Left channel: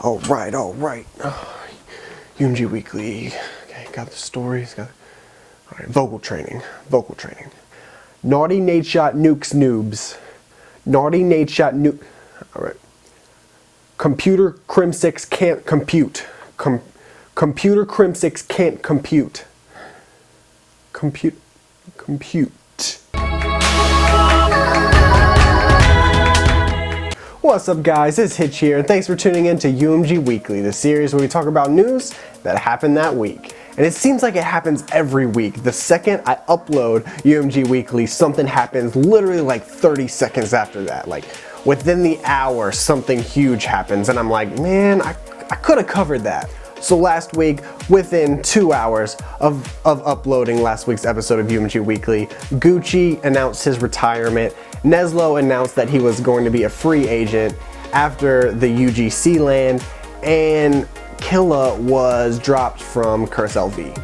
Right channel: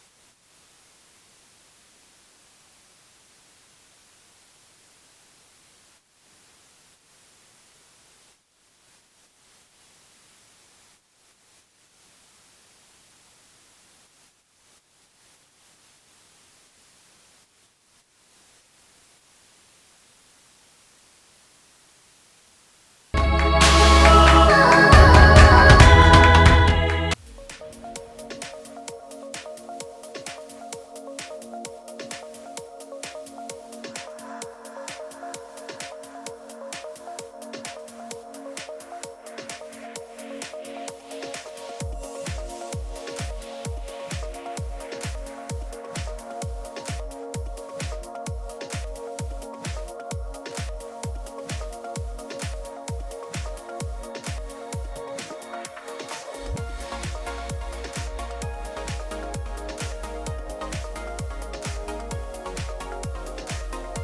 All right. UMG Weekly. Okay, got the stories. All right, vocal training. Naughty Nate shot nukes noobs. Naughty Nate shot nuke. All right. Computer Crim 6 can't compute. Computer Crim 6 can't compute. Compute. What's up, guys? It's Hitch here, and thanks for tuning in to UMG Weekly, the series where we talk about news that happened that week. And it seems like it happens every week. The second I upload UMG Weekly, something happens literally like 30 seconds after that. Like within the hour, something huge happens, and I'm like, man, I could have covered that. So last week, within 2 hours of uploading last week's episode of UMG Weekly, Gucci announced his retirement. Neslo announced that he was going to be a free agent after the UGC land, and Killa was dropped from Curse LV.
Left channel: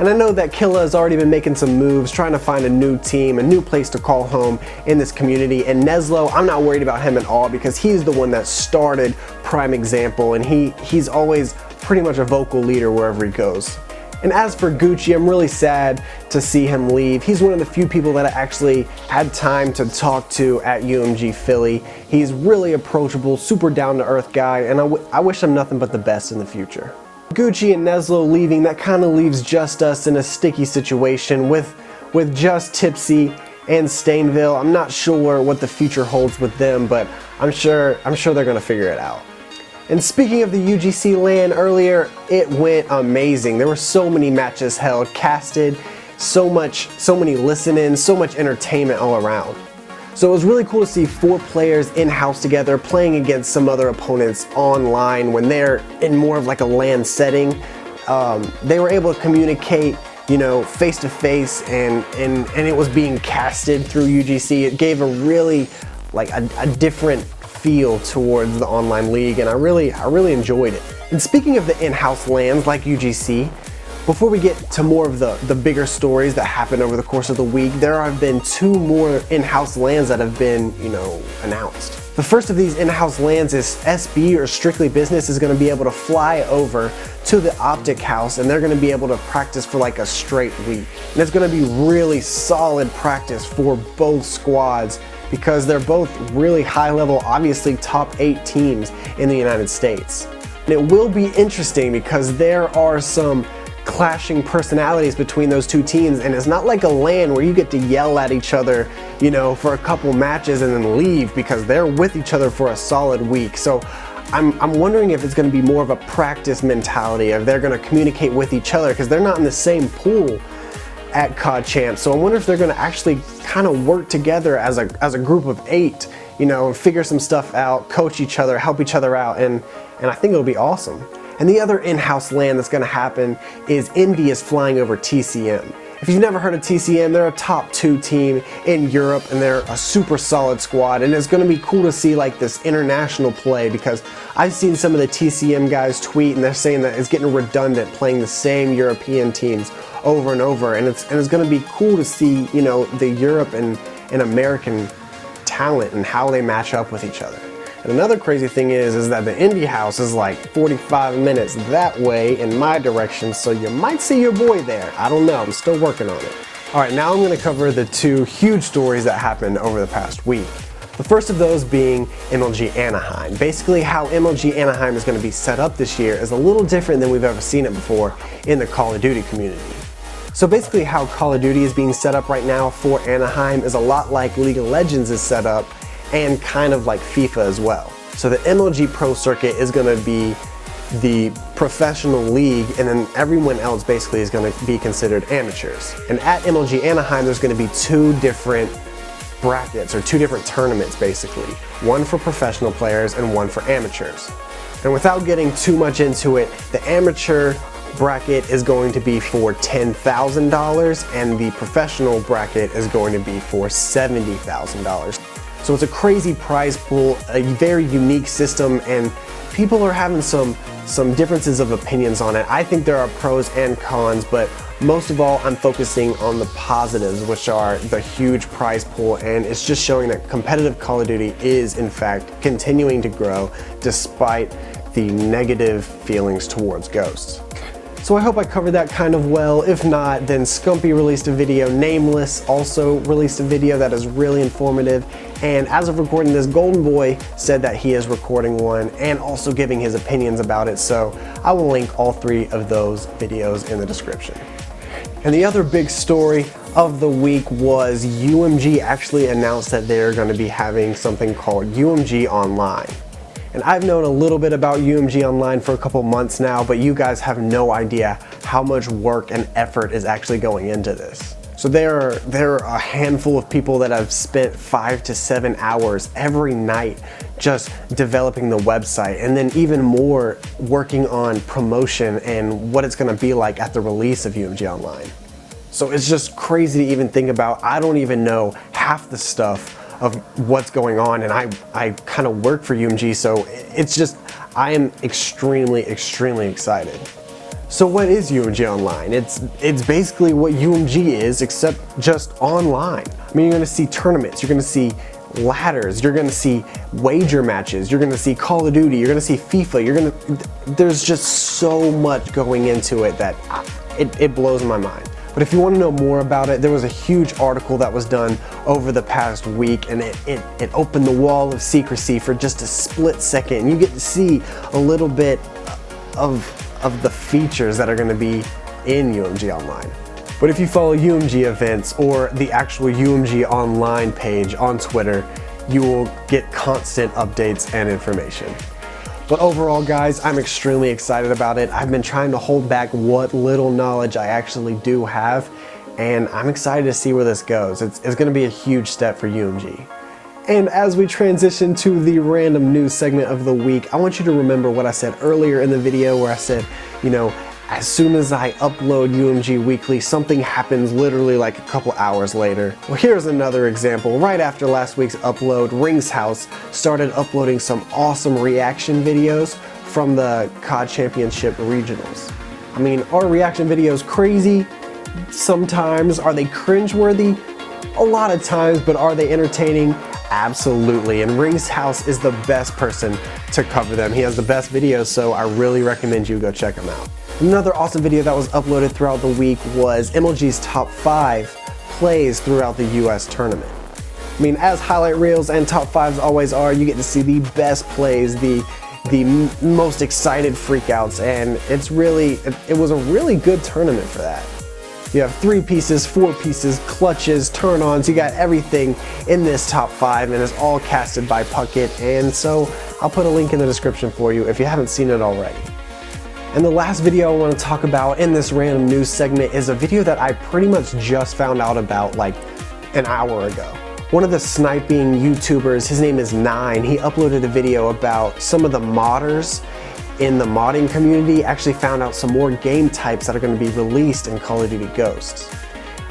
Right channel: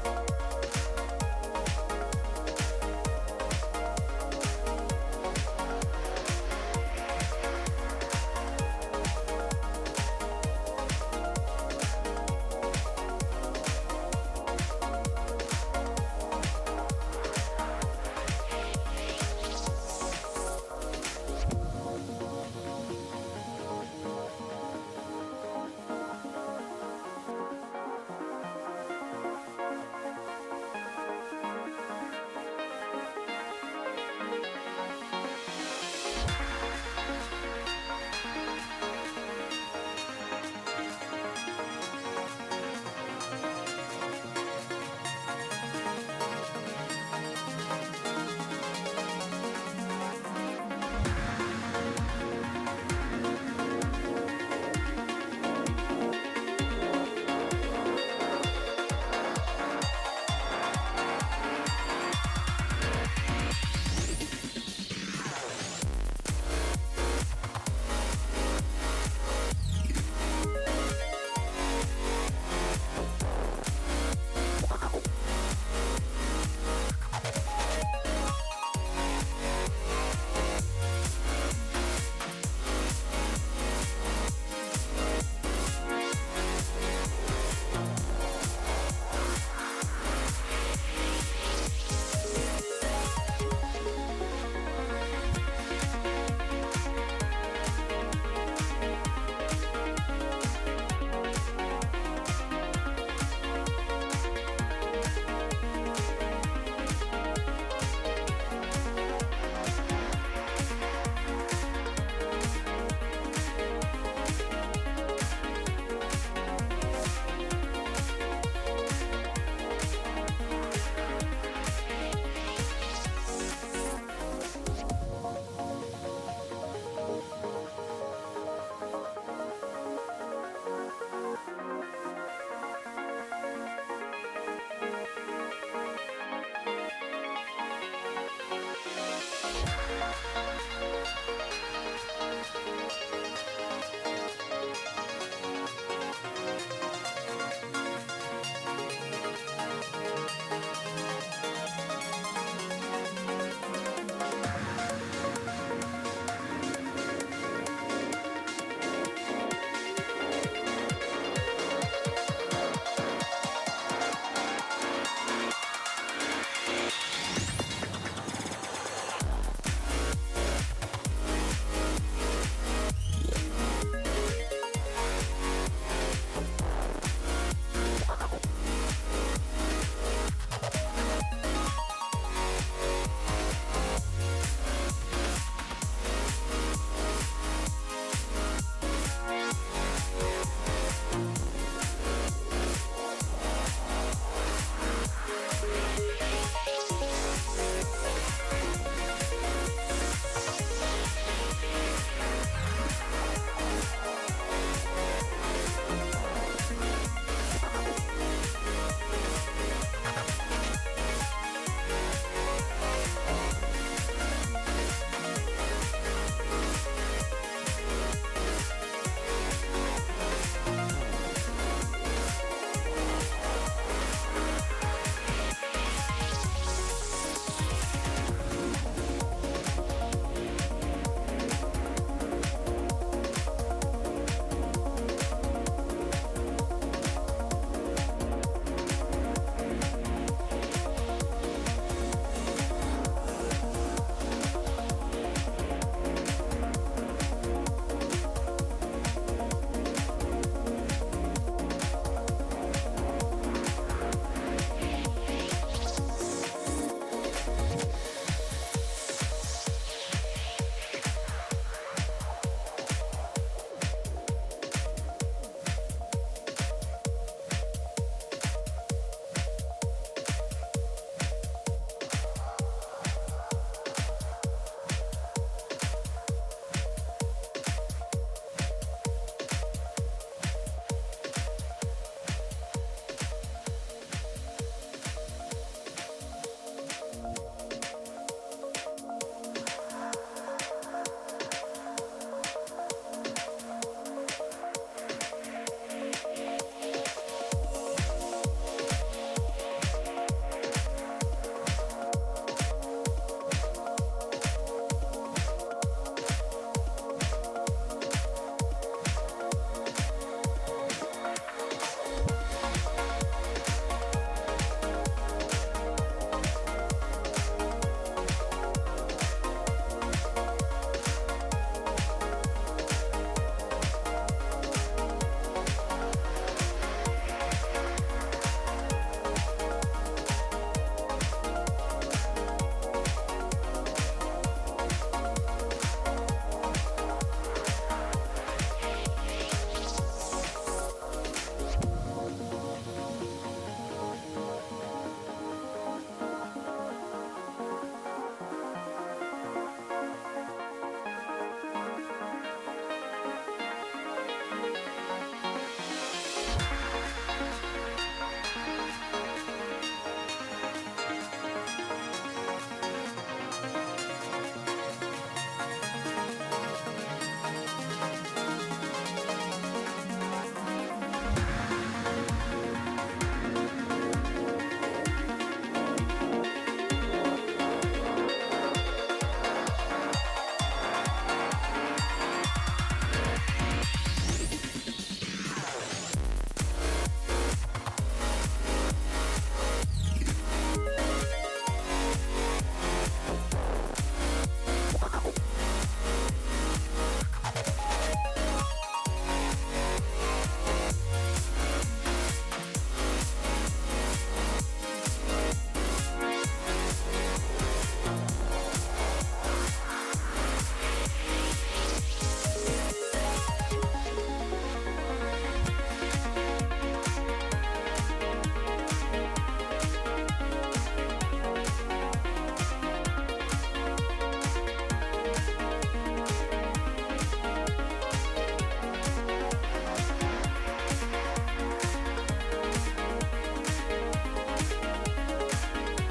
And I know that Killa has already been making some moves, trying to find a new team, a new place to call home in this community. And Neslo, I'm not worried about him at all because he's the one that started Prime Example, and he's always pretty much a vocal leader wherever he goes. And as for Gucci, I'm really sad to see him leave. He's one of the few people that I actually had time to talk to at UMG Philly. He's really approachable, super down-to-earth guy, and I wish him nothing but the best in the future. Gucci and Neslo leaving, that kind of leaves just us in a sticky situation with just Tipsy and Stainville. I'm not sure what the future holds with them, but I'm sure they're gonna figure it out. And speaking of the UGC LAN earlier, it went amazing. There were so many matches held, casted, so many listen-ins, so much entertainment all around. So it was really cool to see 4 players in-house together playing against some other opponents online when they're in more of like a LAN setting. They were able to communicate, you know, face to face, and it was being casted through UGC. It gave a really like a different feel towards the online league, and I really enjoyed it. And speaking of the in-house LANs like UGC, before we get to more of the bigger stories that happened over the course of the week, there have been 2 more in-house LANs that have been, you know, announced. The first of these in-house LANs is SB, or Strictly Business, is going to be able to fly over to the Optic House, and they're going to be able to practice for like a straight week. And it's going to be really solid practice for both squads because they're both really high level, obviously top 8 teams in the United States. And it will be interesting because there are some clashing personalities between those 2 teams, and it's not like a LAN where you get to yell at each other, you know, for a couple matches and then leave, because they're with each other for a solid week. So I'm wondering if it's going to be more of a practice mentality, if they're going to communicate with each other because they're not in the same pool at COD Champs. So I wonder if they're going to actually kind of work together as a group of 8, you know, figure some stuff out, coach each other, help each other out, and I think it'll be awesome. And the other in-house LAN that's going to happen is Indy is flying over TCM. If you've never heard of TCM, they're a top 2 team in Europe, and they're a super solid squad, and it's going to be cool to see like this international play, because I've seen some of the TCM guys tweet and they're saying that it's getting redundant playing the same European teams over and over, and it's going to be cool to see, you know, the Europe and American talent and how they match up with each other. And another crazy thing is that the Indy house is like 45 minutes that way in my direction, so you might see your boy there. I don't know, I'm still working on it. All right, now I'm going to cover the 2 huge stories that happened over the past week. The first of those being MLG Anaheim. Basically, how MLG Anaheim is going to be set up this year is a little different than we've ever seen it before in the Call of Duty community. So basically how Call of Duty is being set up right now for Anaheim is a lot like League of Legends is set up, and kind of like FIFA as well. So the MLG Pro Circuit is going to be the professional league, and then everyone else basically is going to be considered amateurs. And at MLG Anaheim, there's going to be 2 different brackets, or 2 different tournaments basically. One for professional players and one for amateurs. And without getting too much into it, the amateur bracket is going to be for $10,000, and the professional bracket is going to be for $70,000. So it's a crazy prize pool, a very unique system, and people are having some differences of opinions on it. I think there are pros and cons, but most of all, I'm focusing on the positives, which are the huge prize pool, and it's just showing that competitive Call of Duty is, in fact, continuing to grow despite the negative feelings towards ghosts. So I hope I covered that kind of well. If not, then Scumpy released a video. Nameless also released a video that is really informative. And as of recording this, Golden Boy said that he is recording one and also giving his opinions about it. So I will link all 3 of those videos in the description. And the other big story of the week was UMG actually announced that they're going to be having something called UMG Online. And I've known a little bit about UMG Online for a couple months now, but you guys have no idea how much work and effort is actually going into this. So there are a handful of people that have spent 5 to 7 hours every night just developing the website, and then even more working on promotion and what it's going to be like at the release of UMG Online. So it's just crazy to even think about. I don't even know half the stuff of what's going on, and I kind of work for UMG, so it's just, I am extremely excited. So what is UMG Online? It's basically what UMG is, except just online. I mean, you're gonna see tournaments, you're gonna see ladders, you're gonna see wager matches, you're gonna see Call of Duty, you're gonna see FIFA, there's just so much going into it that it blows my mind. But if you want to know more about it, there was a huge article that was done over the past week, and it opened the wall of secrecy for just a split second. And you get to see a little bit of the features that are going to be in UMG Online. But if you follow UMG events or the actual UMG Online page on Twitter, you will get constant updates and information. But overall, guys, I'm extremely excited about it. I've been trying to hold back what little knowledge I actually do have, and I'm excited to see where this goes. It's going to be a huge step for UMG. And as we transition to the random news segment of the week, I want you to remember what I said earlier in the video where I said, you know, as soon as I upload UMG Weekly, something happens literally like a couple hours later. Well, here's another example. Right after last week's upload, Rings House started uploading some awesome reaction videos from the COD Championship Regionals. I mean, are reaction videos crazy? Sometimes. Are they cringeworthy? A lot of times, but are they entertaining? Absolutely, and Rings House is the best person to cover them. He has the best videos, so I really recommend you go check him out. Another awesome video that was uploaded throughout the week was MLG's top 5 plays throughout the US tournament. I mean, as highlight reels and top 5s always are, you get to see the best plays, the most excited freakouts, and it was a really good tournament for that. You have 3 pieces, 4 pieces, clutches, turn-ons, you got everything in this top 5, and it's all casted by Puckett, and so I'll put a link in the description for you if you haven't seen it already. And the last video I want to talk about in this random news segment is a video that I pretty much just found out about like an hour ago. One of the sniping YouTubers, his name is Nine, he uploaded a video about some of the modders in the modding community actually found out some more game types that are going to be released in Call of Duty Ghosts.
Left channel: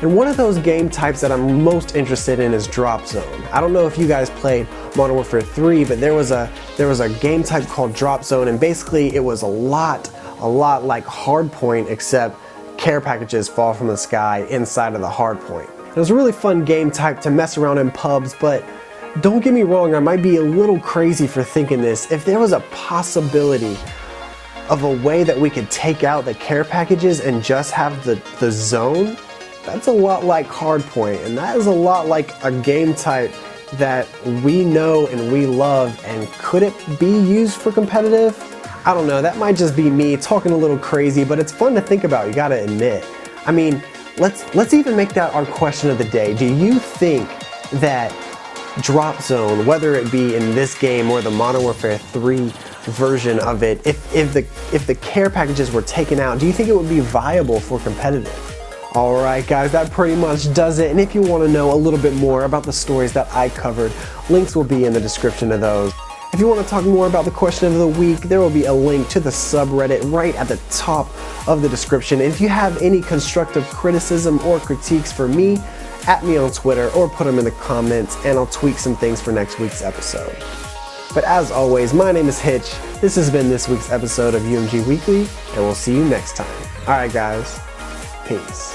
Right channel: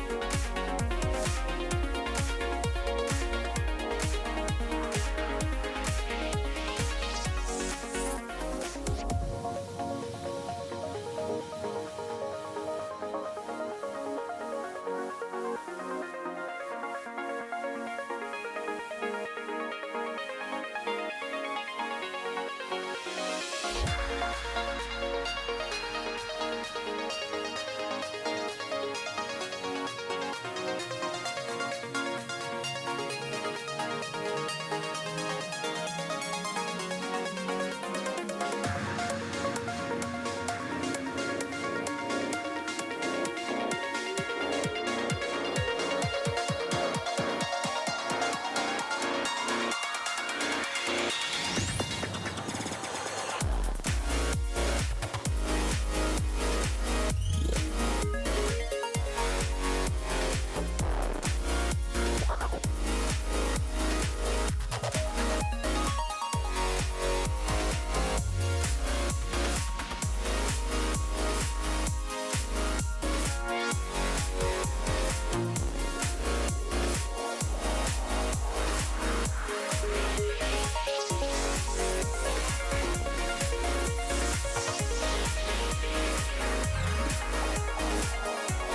And one of those game types that I'm most interested in is Drop Zone. I don't know if you guys played Modern Warfare 3, but there was a game type called Drop Zone, and basically it was a lot like Hardpoint, except care packages fall from the sky inside of the Hardpoint. It was a really fun game type to mess around in pubs, but don't get me wrong, I might be a little crazy for thinking this. If there was a possibility of a way that we could take out the care packages and just have the zone, that's a lot like Hardpoint, and that is a lot like a game type that we know and we love. And could it be used for competitive? I don't know, that might just be me talking a little crazy, but it's fun to think about, you gotta admit. I mean, let's even make that our question of the day. Do you think that Drop Zone, whether it be in this game or the Modern Warfare 3 version of it, if the care packages were taken out, do you think it would be viable for competitive? Alright guys, that pretty much does it, and if you want to know a little bit more about the stories that I covered, links will be in the description of those. If you want to talk more about the question of the week, there will be a link to the subreddit right at the top of the description. And if you have any constructive criticism or critiques for me, at me on Twitter or put them in the comments and I'll tweak some things for next week's episode. But as always, my name is Hitch. This has been this week's episode of UMG Weekly, and we'll see you next time. Alright guys, peace.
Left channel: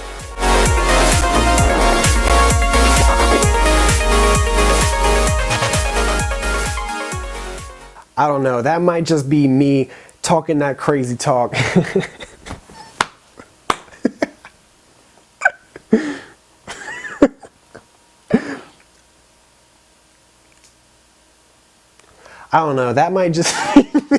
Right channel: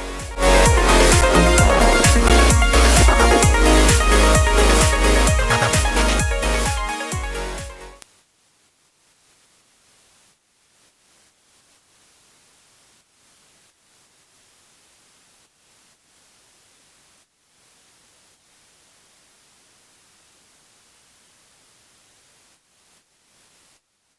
I don't know, that might just be me talking that crazy talk. I don't know, that might just be me